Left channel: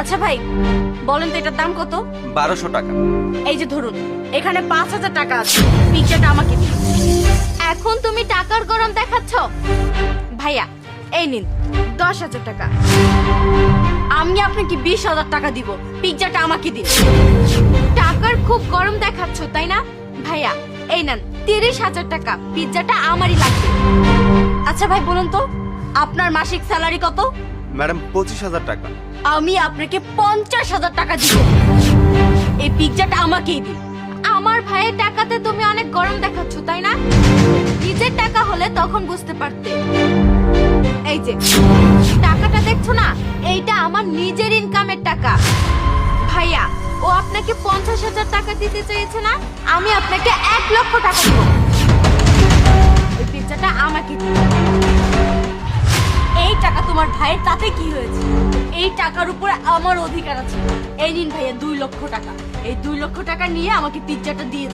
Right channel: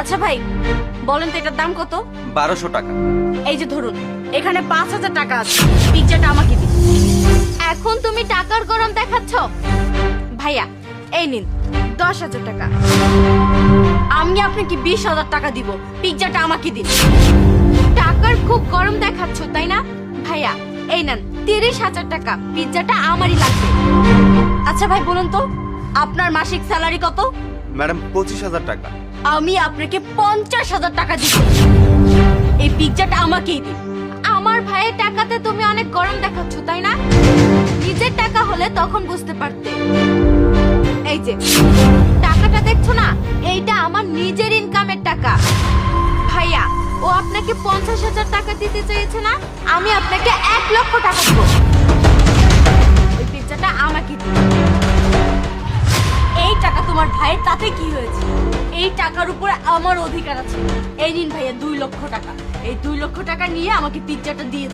আচ্ছা ভাই বলেন তো এটার দাম কত? 1200 টাকা। এই যে ধরুন এখানে 5000 টাকা আছে, পিৎজাটা আমাকে দিন। এখন তুমি টাকার গরম দেখাচ্ছ? ভাইয়া এই নিন 10,000 টাকা। আমি আপনাকে 20,000 টাকা দিব, পিৎজাটা আমাকে দিন। টাকার খুব গরম দেখাচ্ছ তাই না? ভাইয়া এই নেন 30,000 টাকা, পিৎজাটা আমারই লাগবে। আচ্ছা ভাই বলুন তো আপনার মাসিক স্যালারি কত? ম্যাডাম 25,000 টাকা। আমি আপনাকে 50,000 টাকা দিব, এই পিৎজাটা আমাকেই দিন। আমার ভাইয়ের টাকাতে তুমি অনেক গরম দেখাচ্ছ তাই না? নিজের টাকা হলে তখন বুঝতে পারতে। এই যে টাকাটা দেখছো না, এইটা আমার নিজের ইনকামের টাকা। ভাইয়া ও আপনাকে 50,000 টাকা দিতে চেয়েছে না, আমি আপনাকে 1,00,000 টাকা দেবো। ওই পিৎজাটা আমাকে দিন। এই টাকা তোমার ভাইয়ের, তাতে কি হয়েছে? এই টাকার উপরে আমার অধিকার আছে। এই নিন ভাইয়া 2 লক্ষ টাকা, এই 2 লক্ষ টাকা নিয়ে আমাকে পিৎজাটা দিয়ে